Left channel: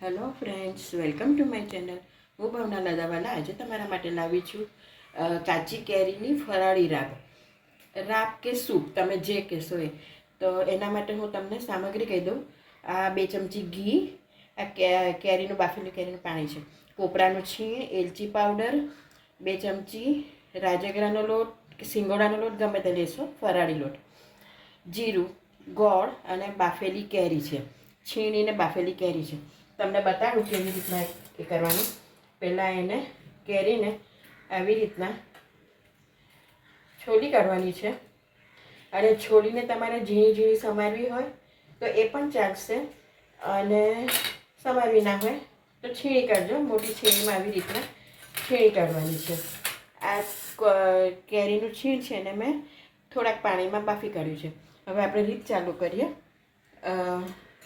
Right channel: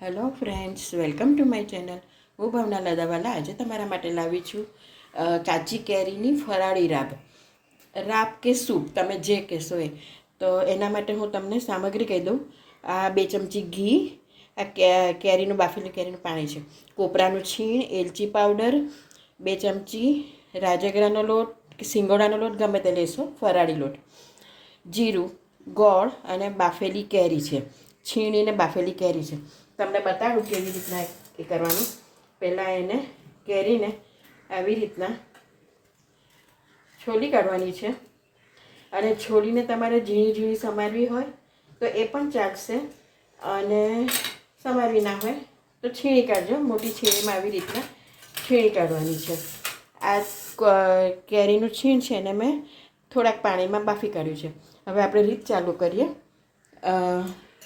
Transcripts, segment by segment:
Hello friends, welcome to my channel. હું ભાવના લદાવાલા આજે તમારા માટે લાવી છું કાચી કેરીની ફરાળી રાબ કે સૂપ, તમે જે કહેશો એ. તો એના માટે હું તમને સામગ્રી કહી દઉં. આ 2 ચમચી ઘી, આ કેરીનું બાફેલું કેરીનું પાણી છે, કોપરાનું છીણ, એલચી પાવડર, 2 ચમચી રાજગરાનો લોટ કે સિંગોડાનો લોટ ગમે તે લેશો, ફરાળી લોટ, જીરું, ગોળ અને બાફેલી કેરી છે, છીણીને બાફેલી કેરી છે. તમને બતાડું કેવી રીતના એ કરવાનું. પહેલાં એને કેરીને આવી રીતના છોલી કાઢવાની છે, અને છોલીને તમારે ઝીણી ઝીણી સમારવી હોય તો એ પણ ચાલશે, અને સમારવી ના હોય તો છીણી કાઢજો. મોટી છીણીમાં આવી રીતના છીણી કાઢવાની છે. આ કેરીનું છીણ છે ને મેં થોડાક પાણીમાં બાફી કાઢ્યું છે. હવે આપણે રીત ચાલુ કરીએ.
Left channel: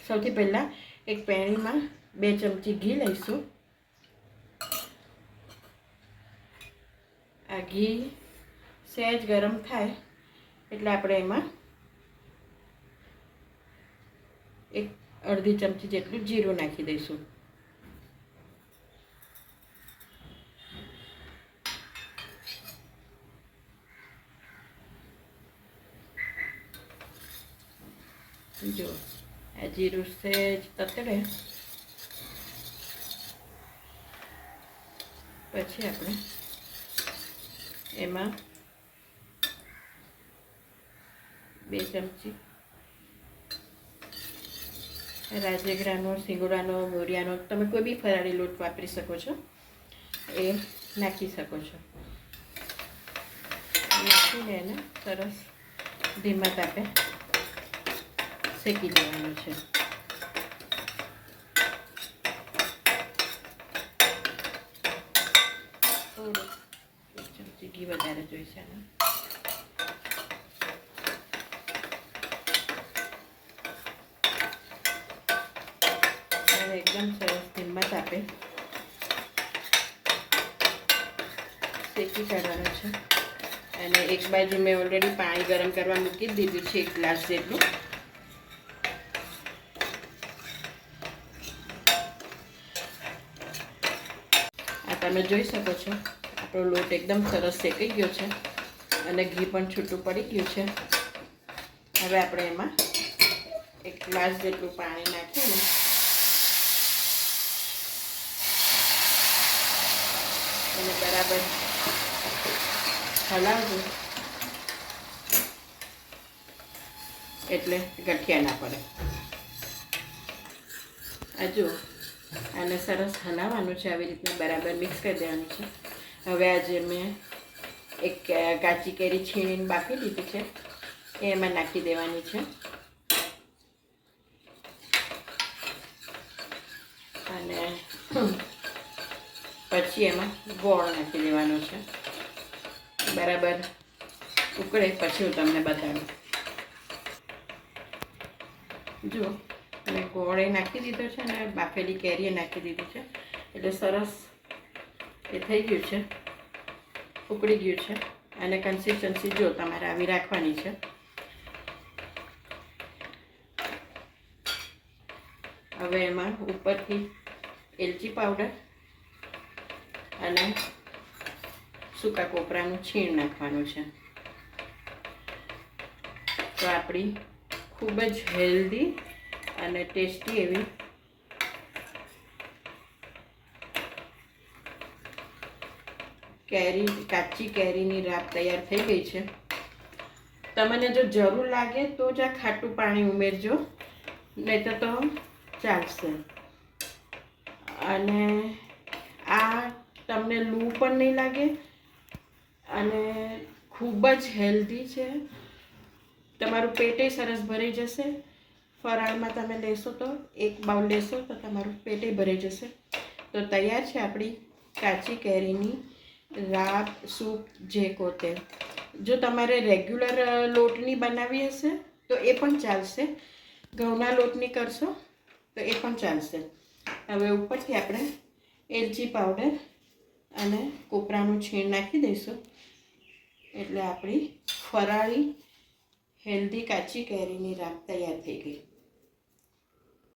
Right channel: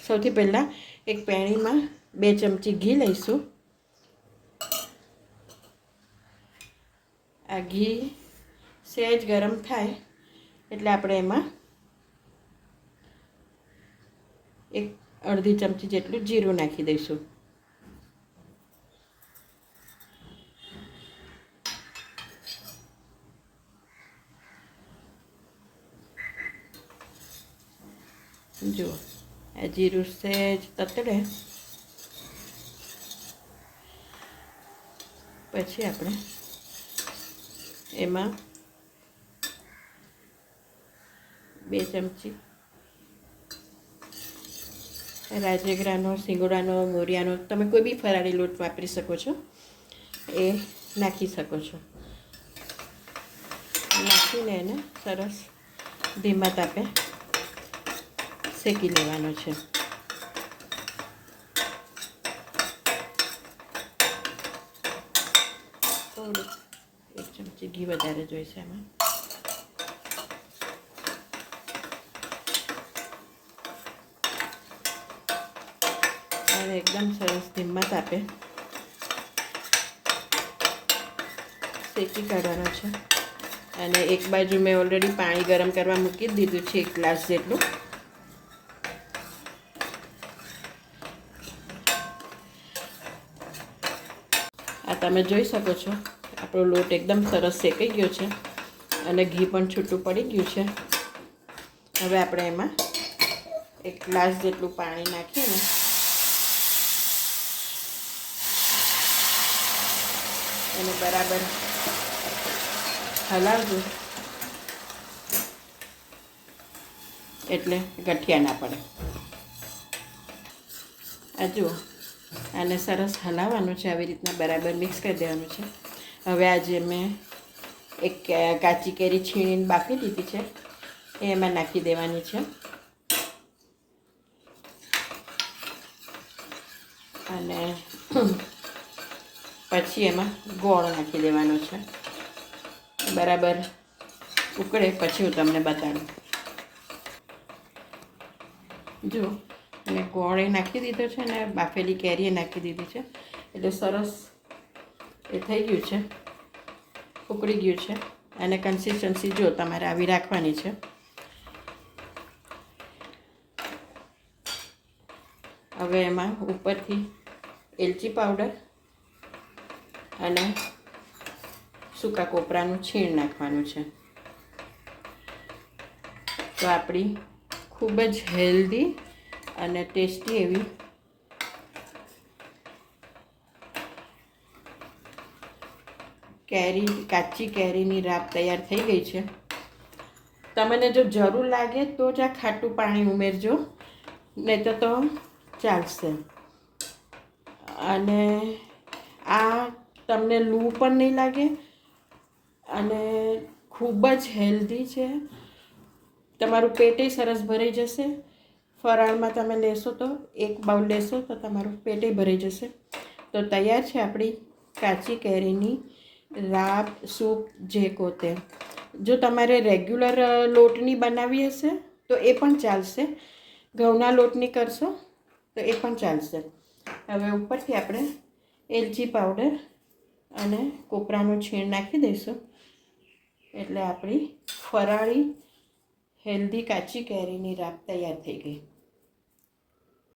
સૌથી પહેલાં એક પેણીમાં 2 ચમચી ઘી લઈશું. આ ઘી સહેજ ગરમ થાય એટલે આપણે એમાં એક અડધી ચમચી જેટલું જીરું નાખી દઈશું. જો આ જીરું સહેજ તતડે પછી આપણે એમાં 2 ચમચી રાજગરાનો, સિંગોડાનો, મોરિયાનો, તમે કોઈ બી ફરાળી લોટ વાપરી શકો છો, એ નાખી શકો છો. નાખીને એને સરસ ધીમા તાપે શેકી લેવાનો છે. થોડું 1 ચમચી ઘી વધારે જોઈશે એમાં. અને એકદમ સરસ ધીમા તાપે શેકી કાઢવાનો છે. અને એક બાજુ મેં ઓલરેડી પાણી ગરમ કરવા મૂકી જ દીધું છે, 1 ગ્લાસ જેટલું. આ તમે જોઈ શકો છો આપણો લોટ એકદમ સરસ શેકાઈ ગયો છે અને ઘી પણ છૂટું પડી ગયું છે. હવે આપણે એમાં 1 ગ્લાસ જેટલું પાણી નાખીને એને બરાબર હલાવજો, એટલે ગઠિયા ના પડે. આ જુઓ, આને સરસ હલાવવાનું છે, આવી રીતના બરાબર મિક્સ કરી દેવાનું છે. હવે આજે મેં એક કાચી કેરી છીણીને બાફી દીધી છે, એ એમાં નાખી દેવાની છે. અને પછી એમાં ગોળ નાખી દેવાનો છે. બરાબર ઉકળે પછી હું તમને બતાડું. જુઓ, અને ગોળે નાખી દીધો છે અને બાફેલી કેરીએ નાખી દીધી છે, એટલે સરસ એ થઈ ગયું છે, ઉકળી ગયું છે. અને કન્સિસ્ટન્સી જો તમારે આવી રાખવાની છે. હવે એમાં ઉપરથી એલચી પાવડર અને સૂકા કોપરાનું છીણ નાખવાનું છે. તો આપણી ખૂબ જ હેલ્ધી અને ટેસ્ટી એવી કાચી કેરીની રાબ તૈયાર થઈ ગઈ છે. તમને જો જરૂર લાગે તો જ આ ખાટું પાણી ઉમેરજો, નહીં તો ચાલશે. અને આ તમને લૂ પણ નહીં લાગે અને ખૂબ જ હેલ્ધી છે. તમારું પેટે સરસ ભરાઈ જશે. ફરાળમાં તમે લેશો તો 1 બાઉલ લેશો તો તમારું પેટે ભરાઈ જશે. તો તૈયાર છે આપણી કાચી કેરીની રાબ, સૂપ, જે કહો તે. જો તમારે રેગ્યુલર લોટની બનાવવી હશે તો એ પણ ચાલશે. ઘઉંના લોટની કરશો તો એ પણ ચાલશે. હવે ઉપરથી આપણે એલચી પાવડર અને કોપરાનું છીણ નાખી દઈશું, એટલે આપણી ફરાળી હેલ્ધી કાચી કેરીની રાબ તૈયાર થઈ ગઈ.